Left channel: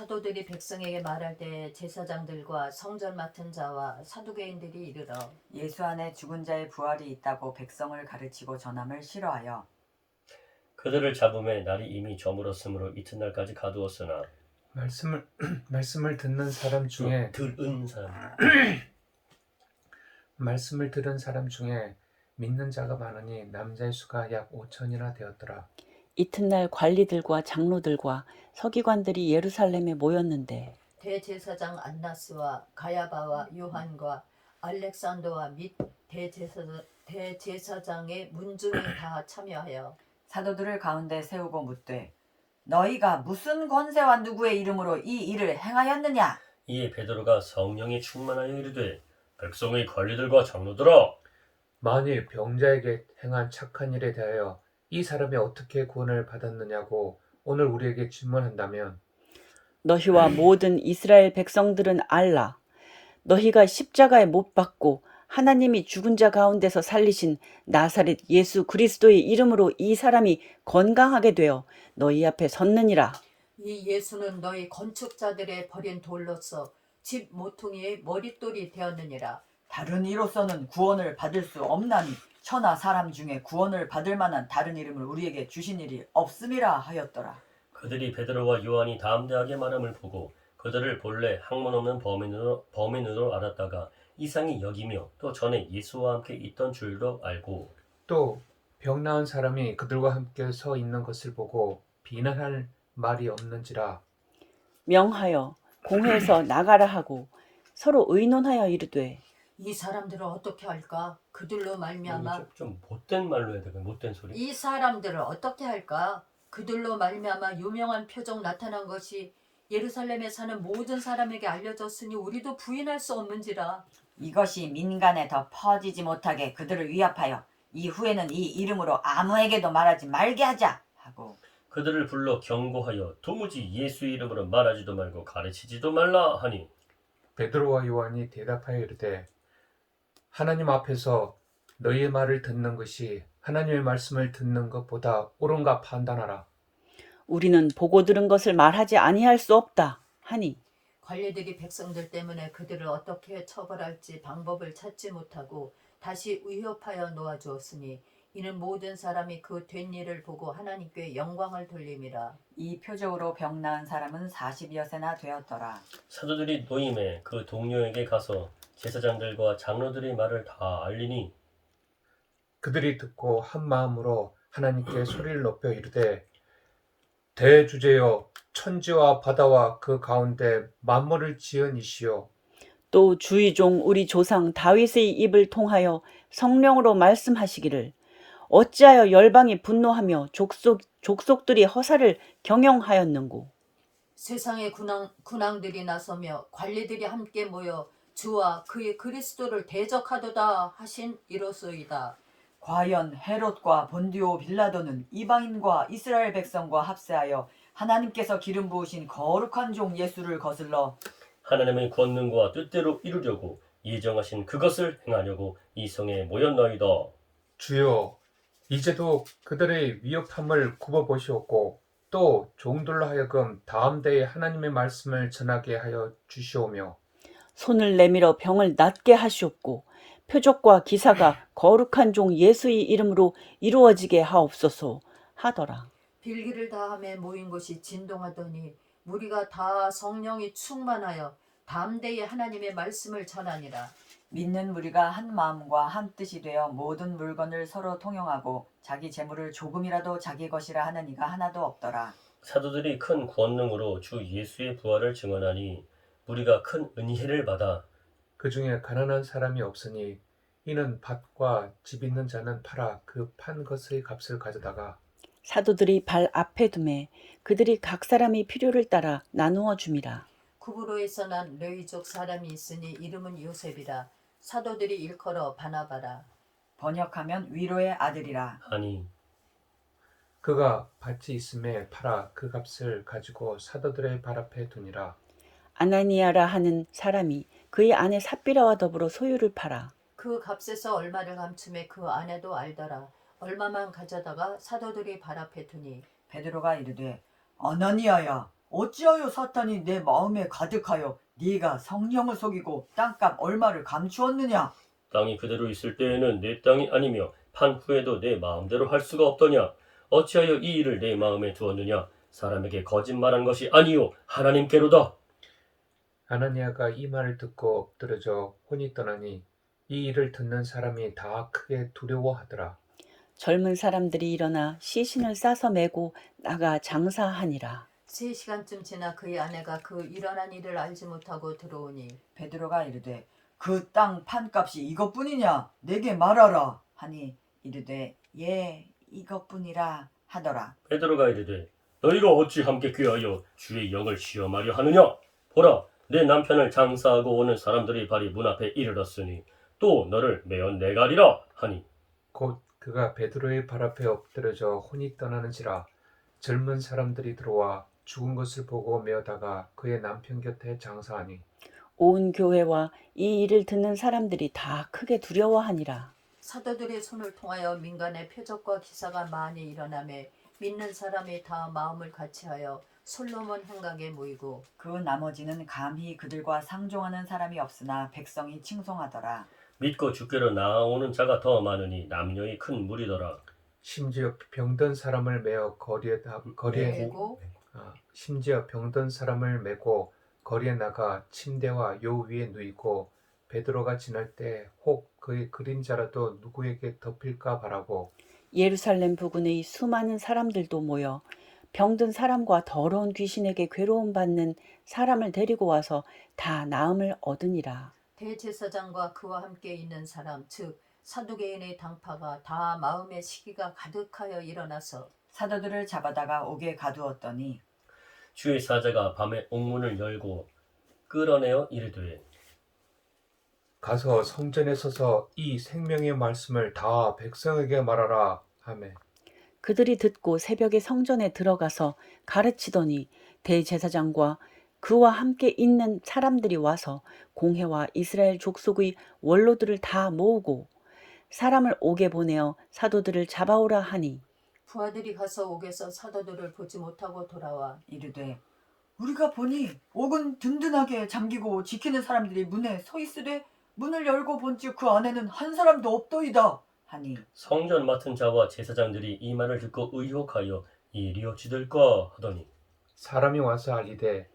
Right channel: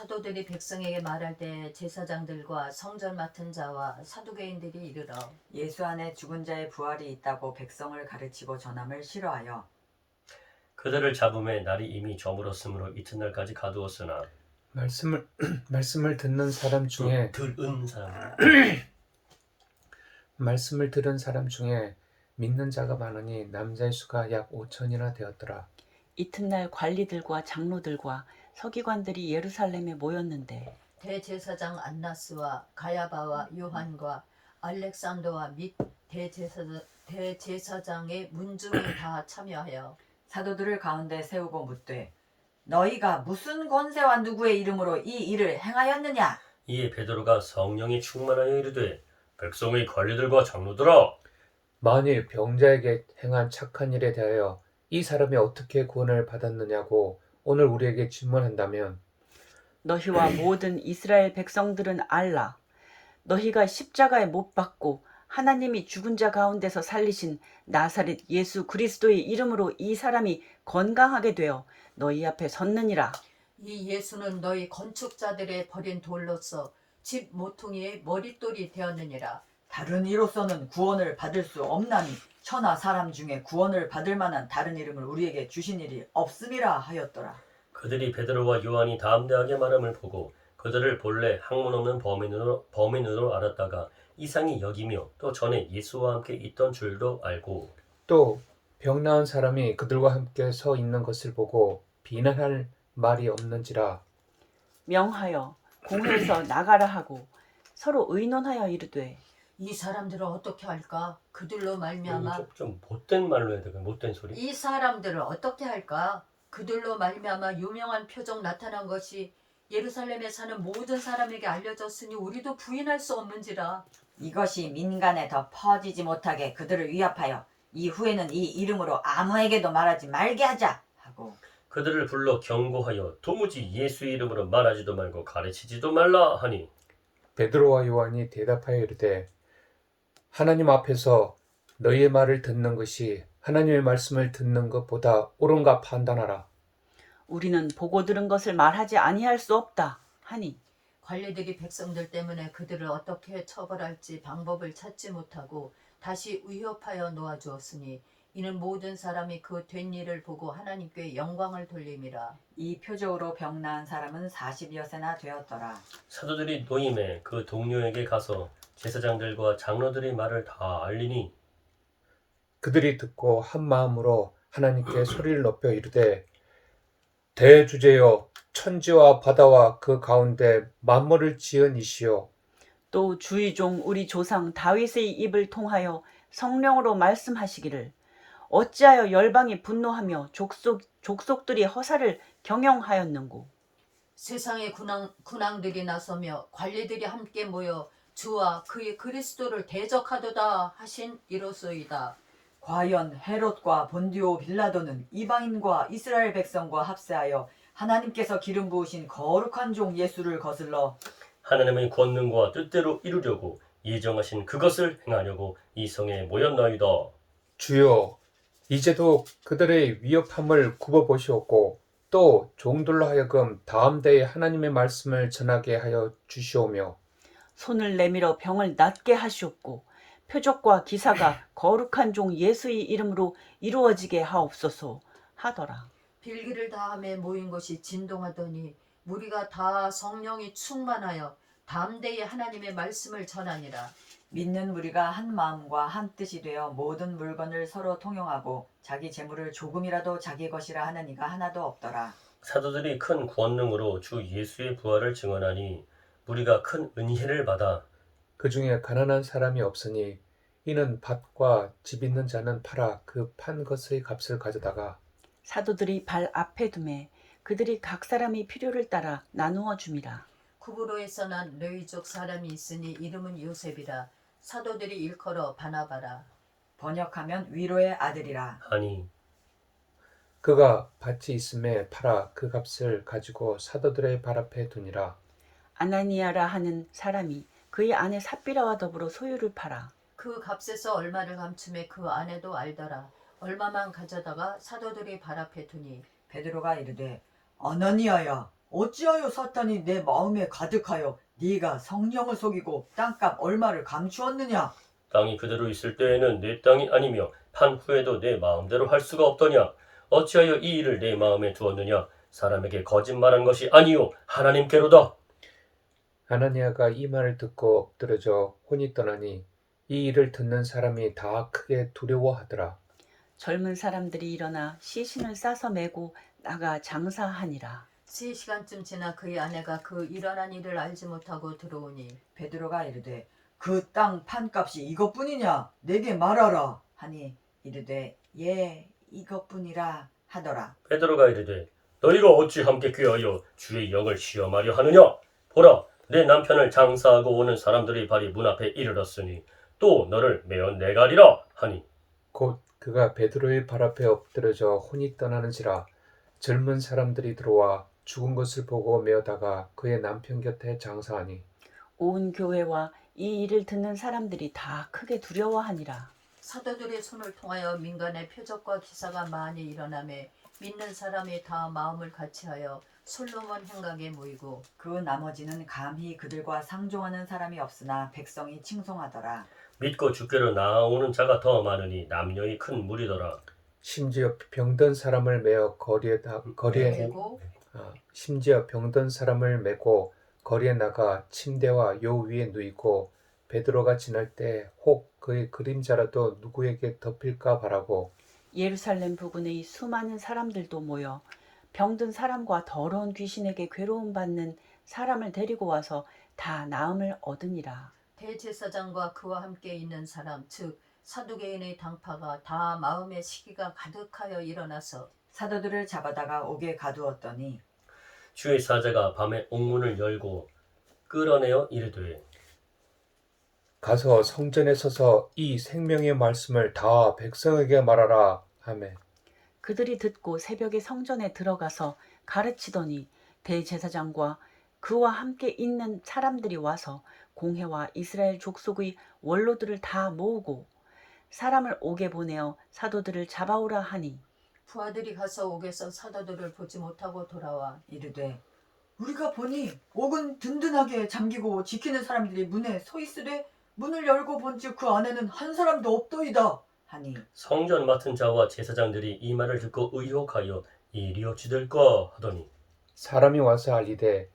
사도들이 백성에게 말할 때 제사장들과 성전 맡은 자와 사두개인들이 이르러 예수 안에 죽은 자의 부활이 있다고 백성을 가르치고 전함을 싫어하여 그들을 잡음에 날이 이미 저물었으므로 이튿날까지 가두었으나 말씀을 듣는 사람 중에 들은 사람 말씀을 들은 사람 중에 믿는 자가 많으니 남자의 수가 약 5천이나 되었더라. 이튿날 관리들과 장로들과 서기관들이 예루살렘에 모였는데 대제사장 안나스와 가야바와 요한과 알렉산더와 및 대제사장의 문중이 다 참여하여 사도들을 가운데 세우고 묻되 너희가 무슨 권세와 누구의 이름으로 이 일을 행하였느냐? 이에 베드로가 성령이 충만하여 이르되 백성의 관리들과 장로들아 만일 병자에게 행한 착한 일에 대하여 이 사람이 어떻게 구원을 받았느냐고 오늘 우리에게 질문한다면 너희와 모든 이스라엘 백성들은 알라. 너희가 십자가에 못 박고 하나님이 죽은 자 가운데서 살리신 나사렛 예수 그리스도의 이름으로 이 사람이 건강하게 되어 너희 앞에 섰느니라. 이 예수는 너희 건축자들의 버린 돌로서 집 모퉁이의 머릿돌이 되었느니라. 다른 이로서는 구원을 받을 수 없나니 천하 사람 중에 구원을 받을 만한 다른 이름을 우리에게 주신 일이 없음이라 하였더라. 그들이 베드로와 요한이 담대하게 말함을 보고 그들을 본래 학문 없는 범인으로 알았다가 이상히 여기며 또 전에 예수와 함께 있던 줄도 알고 또 병 나은 사람이 그들과 함께 서 있는 것을 보고 비난할 말이 없는지라. 명하여 공회에서 나가라 하고 서로 의논하여 이르되 이 사람들을 어떻게 할까? 그들로 말미암아 좀 못된 말로 해야 되겠네. 못된 소리. 이 사람들을 어떻게 할까? 그들로 말미암아 유명한 표적 나타난 것이 예루살렘에 사는 모든 사람에게 알려졌으니 우리도 부인할 수 없는지라. 이것이 민간에 더 퍼지지 못하게 그들을 위압하여 이후에는 이 이름으로 아무에게도 말하지 말게 하자 하고 그들을 불러 경고하여 도무지 예수의 이름으로 말하지도 말고 가르치지도 말라 하니 베드로와 요한이 대답하여 이르되 하나님 앞에서 너희의 말을 듣는 것이 하나님의 말씀을 듣는 것보다 옳은가 판단하라. 우리는 보고 들은 것을 말하지 아니할 수 없다 하니 관리들이 백성들 때문에 그들을 어떻게 처벌할지 방법을 찾지 못하고 다시 위협하여 놓아주었으니 이는 모든 사람이 그 된 일을 보고 하나님께 영광을 돌림이라. 이 표적으로 병 나은 사람은 40여세나 되었더라. 사도들이 노임에 그 동료에게 가서 제사장들과 장로들의 말을 다 알리니 그들이 듣고 한 마음으로 하나님께 소리를 높여 이르되 대주제여 천지와 바다와 그 가운데 만물을 지은 이시여 또 주의 종 우리 조상 다윗의 입을 통하여 성령으로 말씀하시기를 어찌하여 열방이 분노하며 족속들이 허사를 경영하였는고. 세상의 군왕들이 나서며 관리들이 함께 모여 주와 그의 그리스도를 대적하도다 하신 이로소이다. 과연 헤롯과 본디오 빌라도는 이방인과 이스라엘 백성과 합세하여 하나님께서 기름 부으신 거룩한 종 예수를 거슬러 하나님의 권능과 뜻대로 이루려고 예정하신 그것을 행하려고 이 성에 모였나이다. 주여 이제도 그들의 위협함을 굽어보시옵고 또 종들로 하여금 다음대에 하나님의 말씀을 전하게 하여 주시오며 손을 내밀어 병을 낫게 하시옵고 표적과 기사가 거룩한 종 예수의 이름으로 이루어지게 하옵소서 하더라. 빌기를 다함에 모인 곳이 진동하더니 무리가 다 성령이 충만하여 담대히 하나님의 말씀을 전하니라. 믿는 무리가 한 마음과 한 뜻이 되어 모든 물건을 서로 통용하고 자기 재물을 조금이라도 자기 것이라 하는 이가 하나도 없더라. 사도들이 큰 권능으로 주 예수의 부활을 증언하니 우리가 큰 은혜를 받아 그 중에 가난한 사람이 없으니 이는 밭과 집 있는 자는 팔아 그 판 것의 값을 가져다가 사도들이 발 앞에 두매 그들이 각 사람이 필요를 따라 나누어 줌이라. 쿠브로에서 난 레위족 사람이 있으니 이름은 요셉이라. 사도들이 일컬어 바나바라. 번역하면 위로의 아들이라. 하니 그가 밭이 있음에 팔아 그 값을 가지고 사도들의 발 앞에 두니라. 아나니아라 하는 사람이 그의 아내 삽비라와 더불어 소유를 팔아 그 값에서 얼마를 감춤에 그 아내도 알더라. 얼마만 가져다가 사도들이 발 앞에 두니 베드로가 이르되 어너니여여 어찌하여 사탄이 내 마음에 가득하여 네가 성령을 속이고 땅값 얼마를 감추었느냐? 땅이 그대로 있을 때에는 내 땅이 아니며 판 후에도 내 마음대로 할 수가 없더냐? 어찌하여 이 일을 내 마음에 두었느냐? 사람에게 거짓말한 것이 아니요 하나님께로다. 아나니아가 이 말을 듣고 엎드러져 혼이 떠나니 이 일을 듣는 사람이 다 크게 두려워하더라. 젊은 사람들이 일어나 시신을 싸서 메고 나가 장사하니라. 3시간쯤 지나 그의 아내가 그 일어난 일을 알지 못하고 들어오니 베드로가 이르되 그 땅 판값이 이것뿐이냐? 내게 말하라 하니 이르되 예 이것뿐이라 하더라. 베드로가 이르되 너희가 어찌 함께 귀하여 주의 영을 시험하려 하느냐? 보라 내 남편을 장사하고 오는 사람들의 발이 문 앞에 이르렀으니 또 너를 메어 내가리라 하니 곧 그가 베드로의 발 앞에 엎드러져 혼이 떠나는지라 젊은 사람들이 들어와 죽은 것을 보고 메어다가 그의 남편 곁에 장사하니 온 교회와 이 일을 듣는 사람들이 다 크게 두려워하니라. 사도들의 손을 통하여 민간의 표적과 기사가 많이 일어나매 믿는 사람이 다 마음을 같이하여 솔로몬 행각에 모이고 그 나머지는 감히 그들과 상종하는 사람이 없으나 백성이 칭송하더라. 믿고 주께로 나아오는 자가 더 많으니 남녀의 큰 무리더라. 심지어 병든 사람을 메어 거리에 그리고 심지어 병든 사람을 메고 거리에 나가 침대와 요 위에 누이고 베드로가 지날 때 혹 그의 그림자라도 누구에게 덮일까 바라고 예루살렘 부근의 수많은 사람들도 모여 병든 사람과 더러운 귀신에게 괴로움 받는 사람을 데리고 와서 다 나음을 얻으니라. 대제사장과 그와 함께 있는 사람 즉 사두개인의 당파가 다 마음의 시기가 가득하여 일어나서 사도들을 잡아다가 옥에 가두었더니 주의 사자가 밤에 옥문을 열고 끌어내어 이르되 가서 성전에 서서 이 생명의 말씀을 다 백성에게 말하라 하매 그들이 듣고 새벽에 성전에 들어가서 가르치더니 대제사장과 그와 함께 있는 사람들이 와서 공회와 이스라엘 족속의 원로들을 다 모으고 사람을 옥에 보내어 사도들을 잡아오라 하니 부하들이 가서 옥에서 사도들을 보지 못하고 돌아와 이르되 우리가 보니 옥은 든든하게 잠기고 지키는 사람들이 문에 서 있으되 문을 열고 본즉 그 안에는 한 사람도 없더이다 하니 성전 맡은 자와 제사장들이 이 말을 듣고 의혹하여 일이 어찌 될까 하더니 사람이 와서 알리되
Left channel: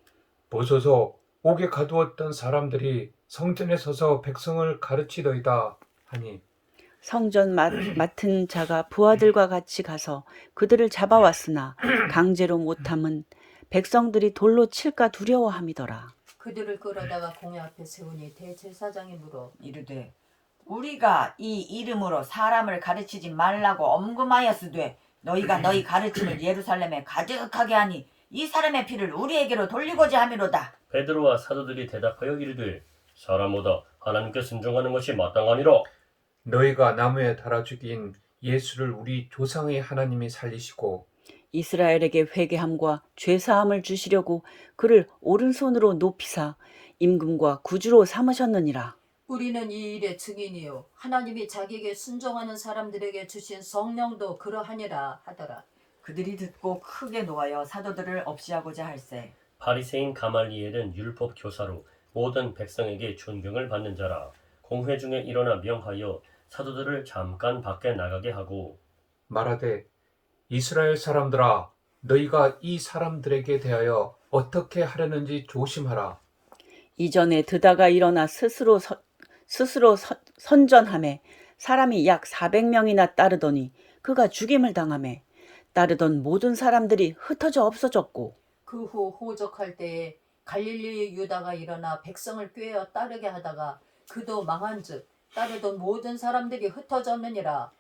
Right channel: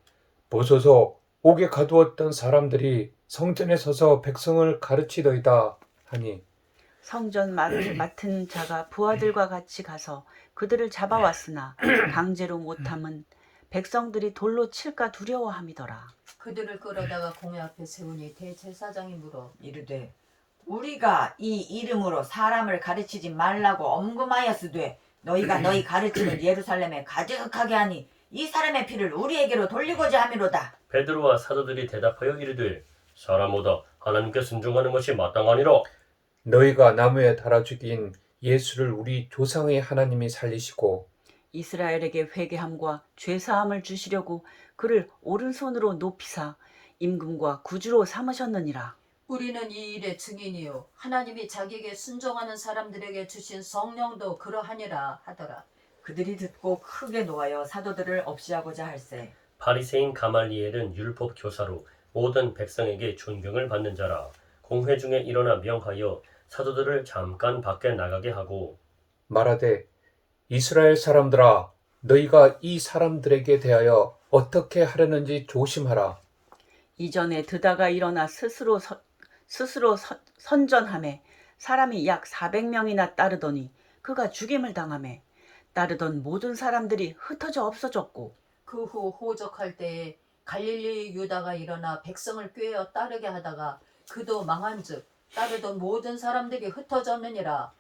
보소서 옥에 가두었던 사람들이 성전에 서서 백성을 가르치더이다 하니 성전 맡은 자가 부하들과 같이 가서 그들을 잡아왔으나 강제로 못함은 백성들이 돌로 칠까 두려워함이더라. 그들을 끌어다가 공회 앞에 세우니 대제사장이 물어 이르되 우리가 이 이름으로 사람을 가르치지 말라고 엄금하였으되 너희가 너희 가르침을 예루살렘에 가득하게 하니 이 사람의 피를 우리에게로 돌리고자 함이로다. 베드로와 사도들이 대답하여 이르되 사람보다 하나님께 순종하는 것이 마땅하니라. 너희가 나무에 달아 죽인 예수를 우리 조상의 하나님이 살리시고 이스라엘에게 회개함과 죄사함을 주시려고 그를 오른손으로 높이사 임금과 구주로 삼으셨느니라. 우리는 이 일의 증인이요 하나님이 자기에게 순종하는 사람들에게 주신 성령도 그러하니라 하더라. 그들이 듣고 크게 노하여 사도들을 없이하고자 할세 바리새인 가말리엘은 율법 교사로 모든 백성에게 존경을 받는 자라. 공회 중에 일어나 명하여 사도들을 잠깐 밖에 나가게 하고 말하되 이스라엘 사람들아 너희가 이 사람들에게 대하여 어떻게 하려는지 조심하라. 이전에 드다가 일어나 스스로 선전하매 사람이 약 400명이나 따르더니 그가 죽임을 당하매 따르던 모든 사람들이 흩어져 없어졌고 그 후 호적할 때에 갈릴리 유다가 일어나 백성을 꾀어 따르게 하다가 그도 망한즉 따르던 모든 사람들이 흩어졌느니라.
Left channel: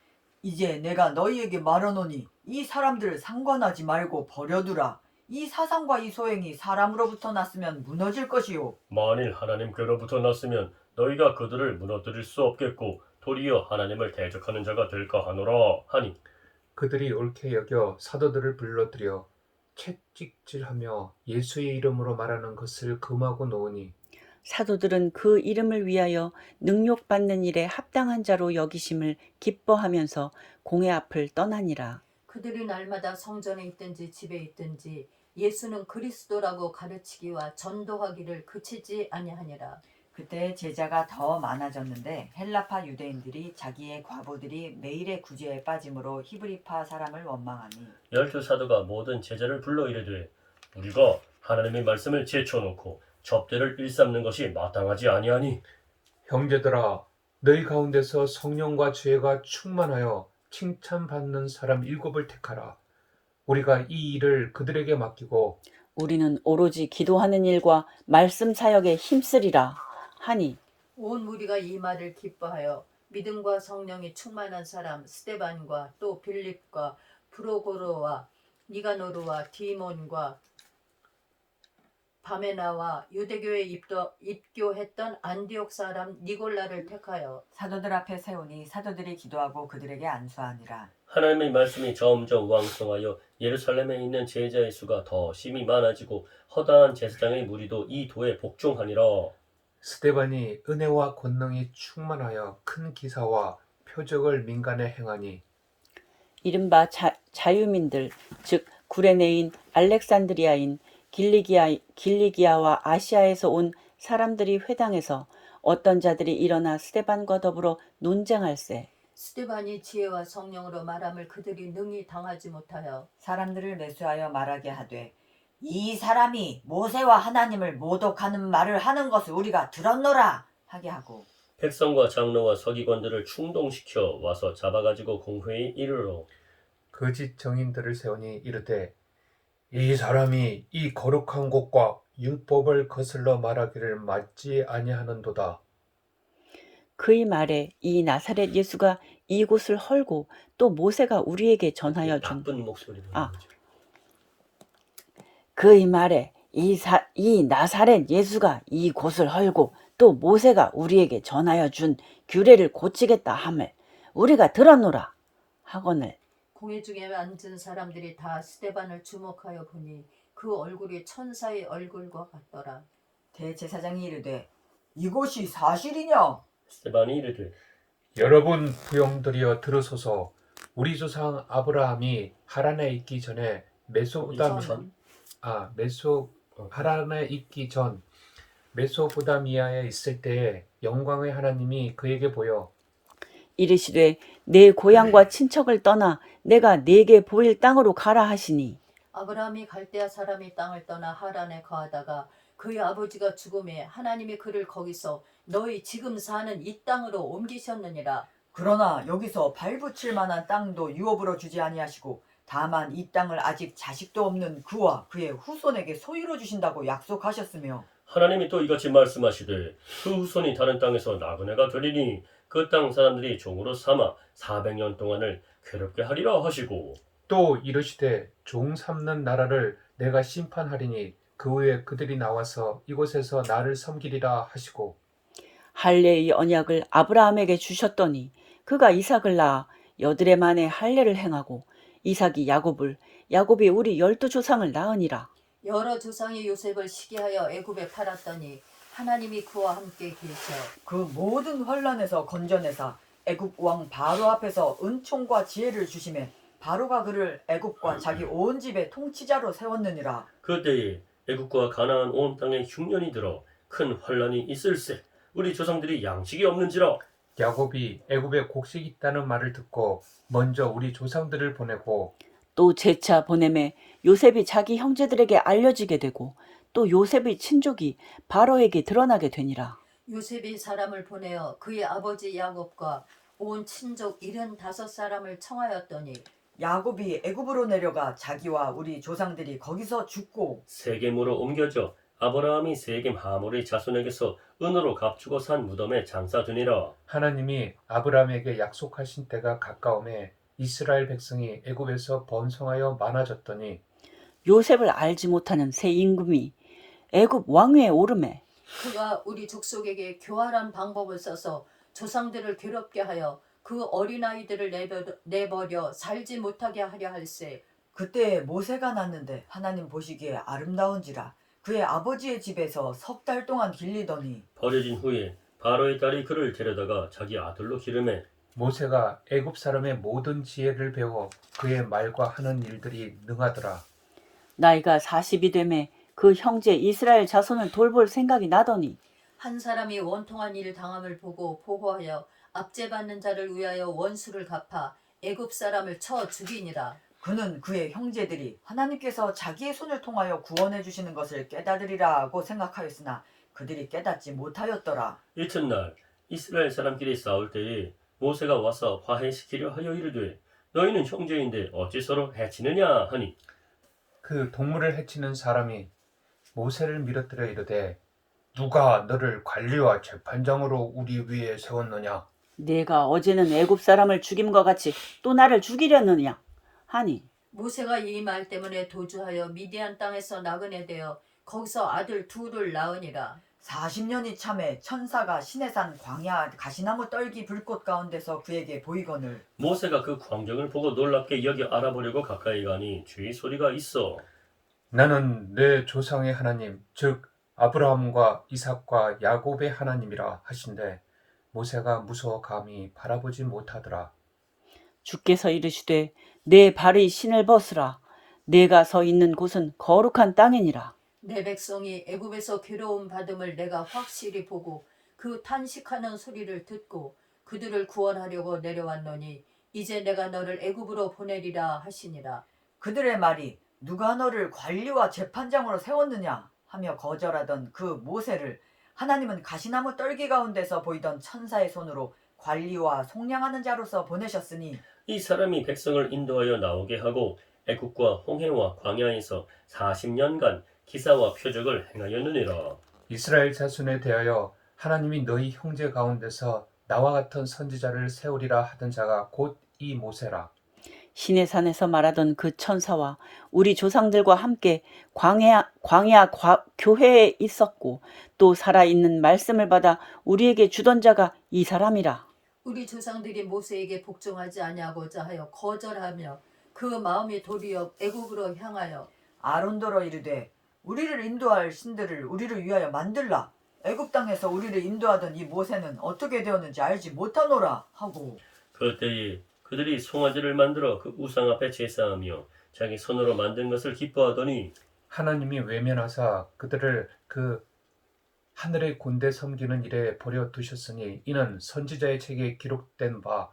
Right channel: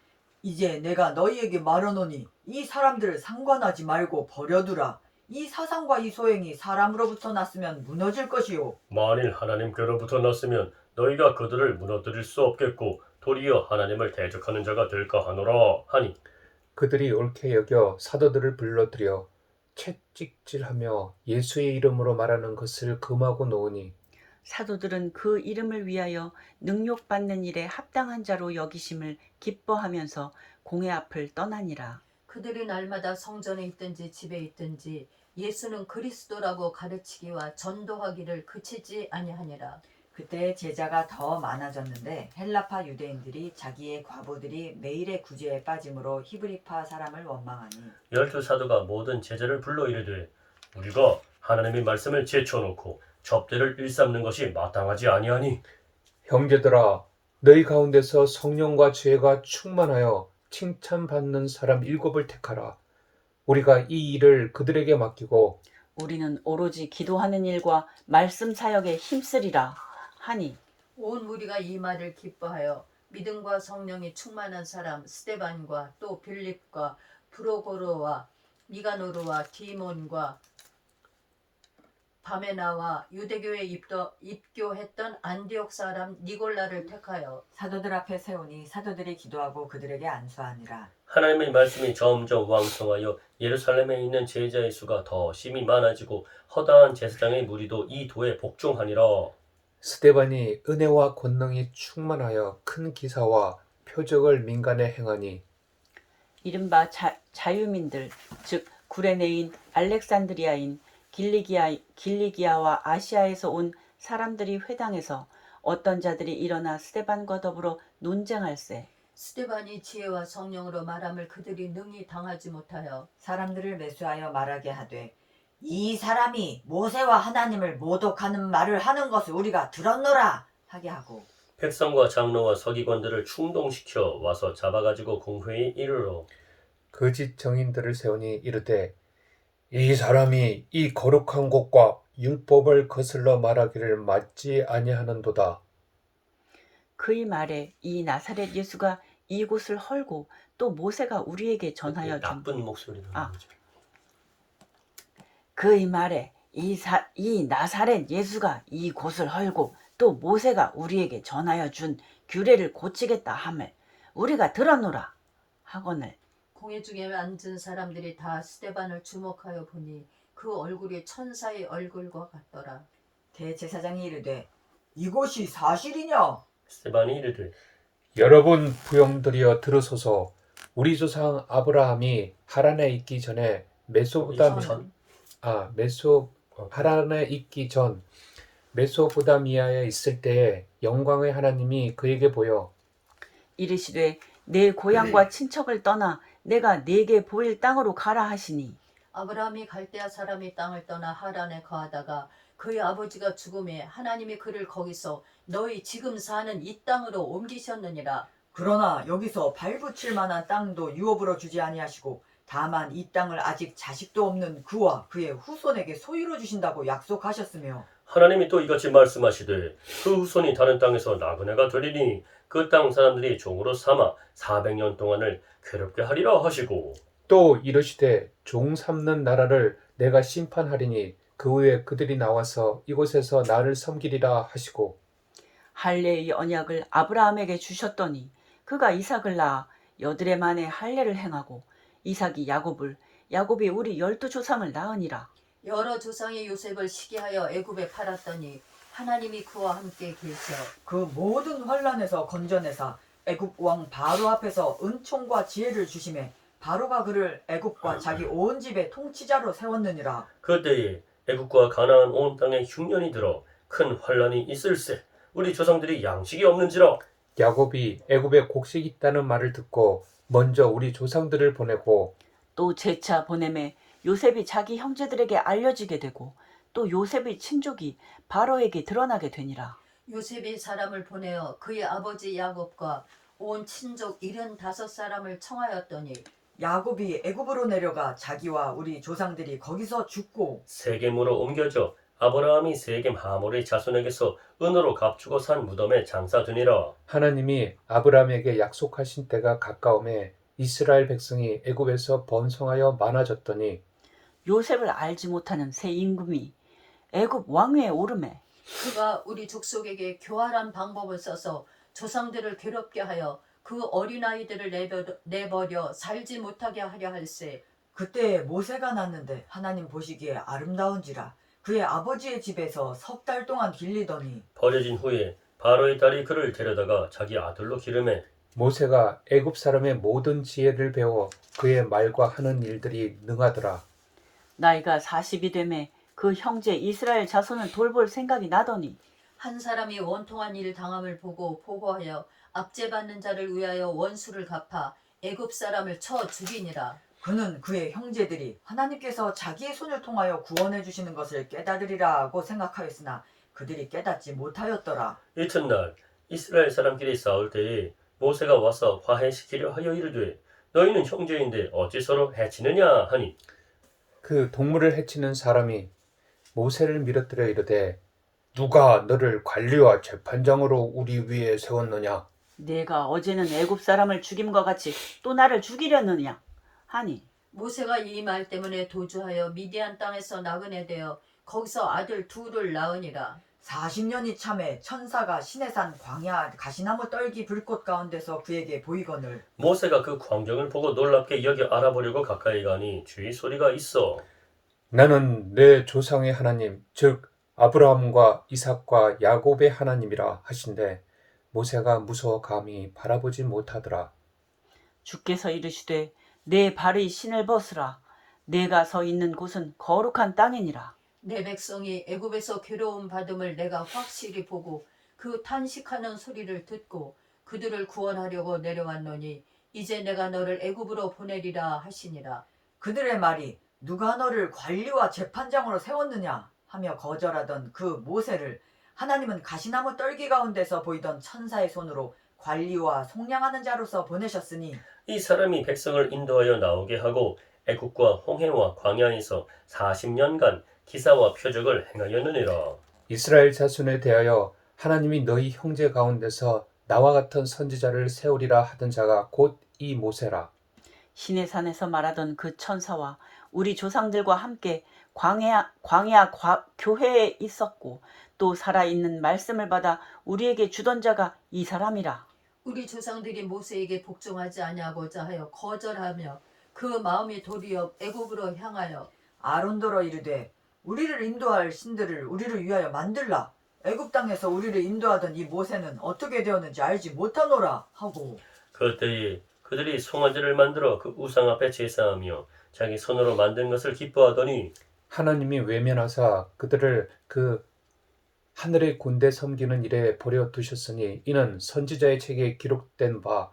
이제 내가 너희에게 말하노니 이 사람들을 상관하지 말고 버려두라. 이 사상과 이 소행이 사람으로부터 났으면 무너질 것이요 만일 하나님께로부터 났으면 너희가 그들을 무너뜨릴 수 없겠고 도리어 하나님을 대적하는 자가 될까 하노라 하니 그들이 옳게 여겨 사도들을 불러들여 채찍질하며 예수의 이름으로 말하는 것을 금하고 놓으니 사도들은 그 이름을 위하여 능욕받는 일에 합당한 자로 여기심을 기뻐하면서 공회 앞을 떠나니라. 그들이 날마다 성전에 있든지 집에 있든지 예수는 그리스도라고 가르치기와 전도하기를 그치지 아니하니라. 그때 제자가 더 많아졌는데 헬라파 유대인들이 자기의 과부들이 매일의 구제에 빠짐으로 히브리파 사람을 원망하니 12사도가 모든 제자를 불러 이르되 우리가 하나님의 말씀을 제쳐놓고 접대를 일삼는 것이 마땅하지 아니하니 형제들아, 너희 가운데서 성령과 지혜가 충만하여 칭찬받는 사람 7을 택하라. 우리가 이 일을 그들에게 맡기고 우리는 오로지 기도하는 일과 말씀 사역에 힘쓰리라 하니 온 무리가 이 말을 기뻐하여 믿음과 성령이 충만한 사람 스데반과 또 빌립과 브로고로와 니가노르와 디몬과 바메나와 유대교에 입교했던 안디옥 사람 니골라를 택하여 사도들 앞에 세우니 사도들이 기도하고 그들에게 안수하니라. 하나님의 말씀이 점점 왕성하여 예루살렘에 있는 제자의 수가 더 심히 많아지고 허다한 제사장의 무리도 이 도에 복종하니라. 스데반이 은혜와 권능이 충만하여 큰 기사와 표적을 민간에 행하니 이른바 자유민들 즉 구레네인 알렉산드리아인 길리기아와 아시아에서 온 사람들이 회당에서 어떤 자들이 일어나 스데반과 더불어 논쟁할세. 스데반이 지혜와 성령으로 말함을 그들이 능히 당하지 못하여 사람들을 매수하여 말하게 하되 이 사람이 모세와 하나님을 모독하는 말을 하는 것을 우리가 들었노라 하게 하고 백성과 장로와 서기관들을 충동시켜 와서 잡아가지고 공회에 이르러 거짓 정인들을 세우니 이르되 이 사람이 이 거룩한 곳과 율법을 거슬러 말하기를 맞지 아니하는도다. 그의 말에 이 나사렛 예수가 이곳을 헐고 또 모세가 우리에게 전하여 준 나쁜 목소리 나는 거죠. 그의 말에 이 나사렛 예수가 이곳을 헐고 또 모세가 우리에게 전하여 준 규례를 고치겠다 함을 우리가 들었노라 하거늘 공회 중에 앉은 사람들이 다 스데반을 주목하여 보니 그 얼굴이 천사의 얼굴과 같더라. 대제사장이 이르되 이것이 사실이냐? 스데반이 이르되 여러분 부용들이여 들으소서. 우리 조상 아브라함이 하란에 있기 전에 하란에 있기 전 메소포다미아에 있을 때에 영광의 하나님이 그에게 보여 이르시되 내 고향과 친척을 떠나 내가 네게 보일 땅으로 가라 하시니 아브라함이 갈대아 사람이 땅을 떠나 하란에 거하다가 그의 아버지가 죽음에 하나님이 그를 거기서 너희 지금 사는 이 땅으로 옮기셨느니라. 그러나 여기서 발붙일 만한 땅도 유업으로 주지 아니하시고 다만 이 땅을 아직 자식도 없는 그와 그의 후손에게 소유로 주신다고 약속하셨으며 하나님이 또 이같이 말씀하시되 그 후손이 다른 땅에서 나그네가 되리니 그 땅 사람들이 종으로 삼아 400년 동안을 괴롭게 하리라 하시고 또 이르시되 종 삼는 나라를 내가 심판하리니 그 후에 그들이 나와서 이곳에서 나를 섬기리라 하시고 할례의 언약을 아브라함에게 주셨더니 그가 이삭을 낳아 여드레 만에 할례를 행하고 이삭이 야곱이 우리 12조상을 낳으니라. 여러 조상이 요셉을 시기하여 애굽에 팔았더니 하나님이 그와 함께 계셔 그 모든 환란에서 건져내사 애굽 왕 바로 앞에서 은총과 지혜를 주심에 바로가 그를 애굽과 자기 온 집의 통치자로 세웠느니라. 그때에 애국과 가나안 온 땅에 흉년이 들어 큰 환란이 있을세 우리 조상들이 양식이 없는지라 야곱이 애굽에 곡식이 있다는 말을 듣고 먼저 우리 조상들을 보내고 또 재차 보냄에 요셉이 자기 형제들에게 알려지게 되고 또 요셉의 친족이 바로에게 드러나게 되니라. 요셉이 사람을 보내어 그의 아버지 야곱과 온 친족 75사람을 청하였더니 야곱이 애굽으로 내려가 자기와 우리 조상들이 거기서 죽고 세겜으로 옮겨져 아브라함이 세겜 하몰의 자손에게서 은으로 값주고 산 무덤에 장사되니라. 하나님이 아브라함에게 약속하신 때가 가까움에 이스라엘 백성이 애굽에서 번성하여 많아졌더니 요셉을 알지 못하는 새 임금이 애굽 왕위에 오르매 그가 우리 족속에게 교활한 방법을 써서 조상들을 괴롭게 하여 그 어린아이들을 내버려 살지 못하게 하려 할세. 그때 모세가 났는데 하나님 보시기에 아름다운지라 그의 아버지의 집에서 3달 동안 길리더니 버려진 후에 바로의 딸이 그를 데려다가 자기 아들로 기르매 모세가 애굽 사람의 모든 지혜를 배워 그의 말과 하는 일들이 능하더라. 나이가 40이 되매 그 형제 이스라엘 자손을 돌볼 생각이 나더니 한 사람이 원통한 일 당함을 보고 보고하여 압제받는 자를 위하여 원수를 갚아 애굽 사람을 쳐 죽이니라. 그는 그의 형제들이 하나님께서 자기의 손을 통하여 구원해 주시는 것을 깨달으리라고 생각하였으나 그들이 깨닫지 못하였더라. 이튿날 이스라엘 사람끼리 싸울 때에 모세가 와서 화해시키려 하여 이르되 너희는 형제인데 어찌 서로 해치느냐 하니 그 동물을 해치는 사람이 모세를 밀어뜨려 이르되 누가 너를 관리와 재판장으로 우리 위에 세웠느냐? 내가 어제는 애굽 사람을 죽임과 같이 또 나를 죽이려느냐 하니 모세가 이 말 때문에 도주하여 미디안 땅에서 나그네 되어 거기서 아들 둘을 낳으니라. 40년이 참에 천사가 시내산 광야 가시나무 떨기 불꽃 가운데서 그에게 보이거늘 모세가 그 광경을 보고 놀랍게 여겨 알아보려고 가까이 가니 주의 소리가 있어 나는 내 조상의 하나님, 즉 아브라함과 이삭과 야곱의 하나님이라 하신대 모세가 무서워 감히 바라보지 못하더라. 주께서 이르시되 내 발의 신을 벗으라. 내가 서 있는 곳은 거룩한 땅이니라. 내 백성이 애굽에서 괴로움 받음을 내가 확실히 보고 그 탄식하는 소리를 듣고 그들을 구원하려고 내려왔노니 이제 내가 너를 애굽으로 보내리라 하시니라. 그들의 말이 누가 너를 관리와 재판장으로 세웠느냐 하며 거절하던 그 모세를 하나님은 가시나무 떨기 가운데서 보이던 천사의 손으로 관리와 속량하는 자로서 보내셨으니 이 사람이 백성을 인도하여 나오게 하고 애국과 홍해와 광야에서 40년간 기사와 표적을 행하였느니라. 이스라엘 자손에 대하여 하나님이 너희 형제 가운데서 나와 같은 선지자를 세우리라 하던 자가 곧 이 모세라. 시내산에서 말하던 그 천사와 우리 조상들과 함께 광야 교회에 있었고 또 살아있는 말씀을 받아 우리에게 주던 자가 이 사람이라. 우리 조상들이 모세에게 복종하지 아니하고자 하여 거절하며 그 마음이 도리어 애굽으로 향하여 아론더러 이르되 우리를 인도할 신들을 우리를 위하여 만들라. 애굽 땅에서 우리를 인도하던 이 모세는 어떻게 되었는지 알지 못하노라 하고 그때에 그들이 송아지를 만들어 그 우상 앞에 제사하며 자기 손으로 만든 것을 기뻐하더니 하나님이 외면하사 그들을 그 하늘의 군대 섬기는 일에 버려 두셨으니 이는 선지자의 책에 기록된 바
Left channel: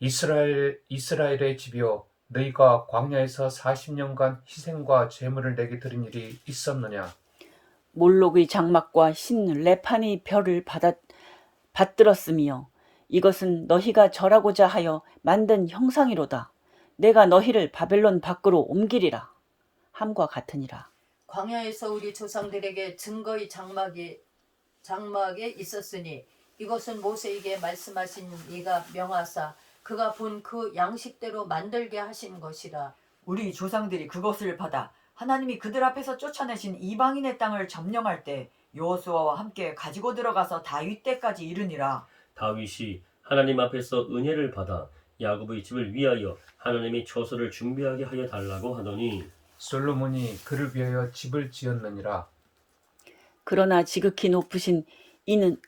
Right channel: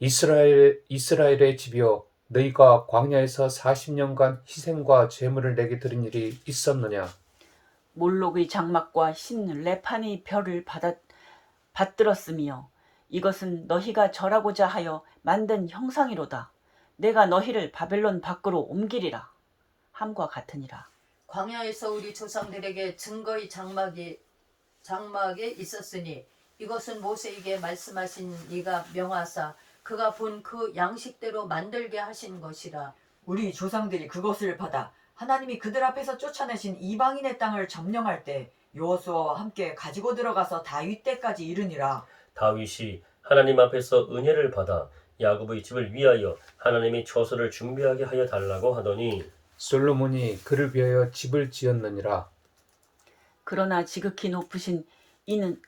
이스라엘의 집이여 너희가 광야에서 40년간 희생과 제물을 내게 드린 일이 있었느냐? 몰록의 장막과 신 레판의 별을 받들었으며 이것은 너희가 절하고자 하여 만든 형상이로다. 내가 너희를 바벨론 밖으로 옮기리라 함과 같으니라. 광야에서 우리 조상들에게 증거의 장막에 있었으니 이것은 모세에게 말씀하신 이가 명하사 그가 본 그 양식대로 만들게 하신 것이라. 우리 조상들이 그것을 받아 하나님이 그들 앞에서 쫓아내신 이방인의 땅을 점령할 때 여호수아와 함께 가지고 들어가서 다윗 때까지 이르니라. 다윗이 하나님 앞에서 은혜를 받아 야곱의 집을 위하여 하나님의 처소를 준비하게 하여 달라고 하더니 솔로몬이 그를 위하여 집을 지었느니라. 그러나 지극히 높으신 이는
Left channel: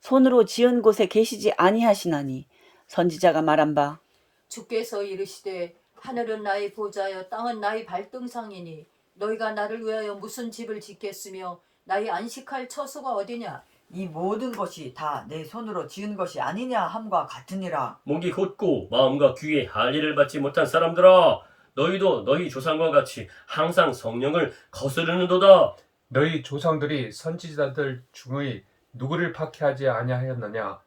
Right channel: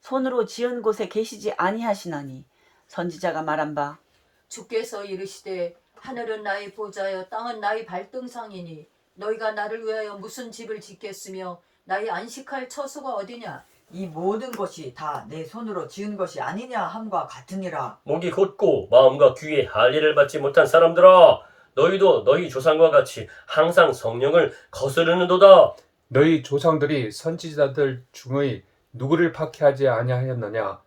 손으로 지은 곳에 계시지 아니하시나니 선지자가 말한 바 주께서 이르시되 하늘은 나의 보좌여 땅은 나의 발등상이니 너희가 나를 위하여 무슨 집을 짓겠으며 나의 안식할 처소가 어디냐. 이 모든 것이 다 내 손으로 지은 것이 아니냐 함과 같으니라. 목이 곧고 마음과 귀에 할례를 받지 못한 사람들아 너희도 너희 조상과 같이 항상 성령을 거스르는도다. 너희 조상들이 선지자들 중의 누구를 박해하지 아니하였느냐?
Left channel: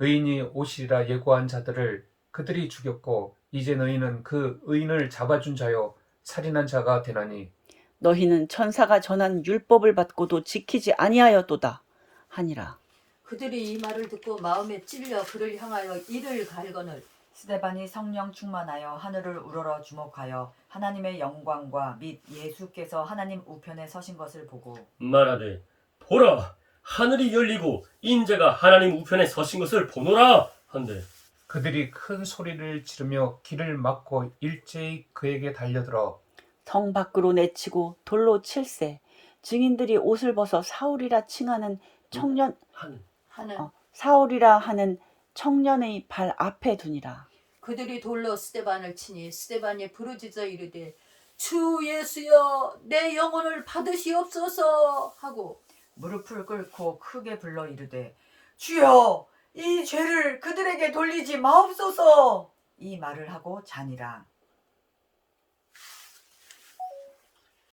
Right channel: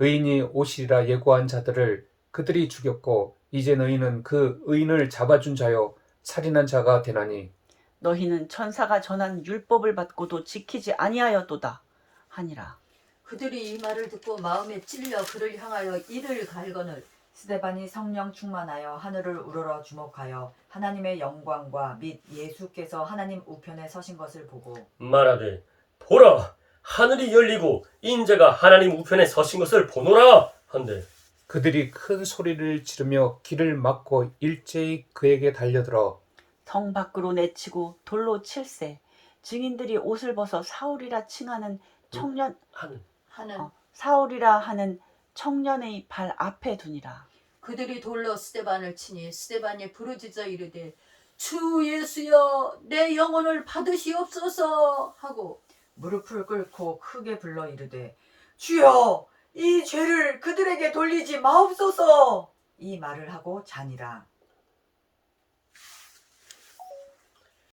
의인이 오시리라 예고한 자들을 그들이 죽였고 이제 너희는 그 의인을 잡아준 자요 살인한 자가 되나니 너희는 천사가 전한 율법을 받고도 지키지 아니하였도다 하니라. 그들이 이 말을 듣고 마음에 찔려 그를 향하여 이를 갈거늘 스데반이 성령 충만하여 하늘을 우러러 주목하여 하나님의 영광과 및 예수께서 하나님 우편에 서신 것을 보고 말하되 보라 하늘이 열리고 인자가 하나님 우편에 서신 것을 보노라 한데 그들이 큰 소리를 지르며 길을 막고 일제히 그에게 달려들어 성 밖으로 내치고 돌로 칠세. 증인들이 옷을 벗어 사울이라 하는 청년의 발 앞에 두니라. 그들이 돌로 스데반을 치니 스데반이 부르짖어 이르되 주 예수여 내 영혼을 받으시옵소서 하고 무릎을 꿇고 크게 불러 이르되 주여 이 죄를 그들에게 돌리지 마옵소서 이 말을 하고 자니라.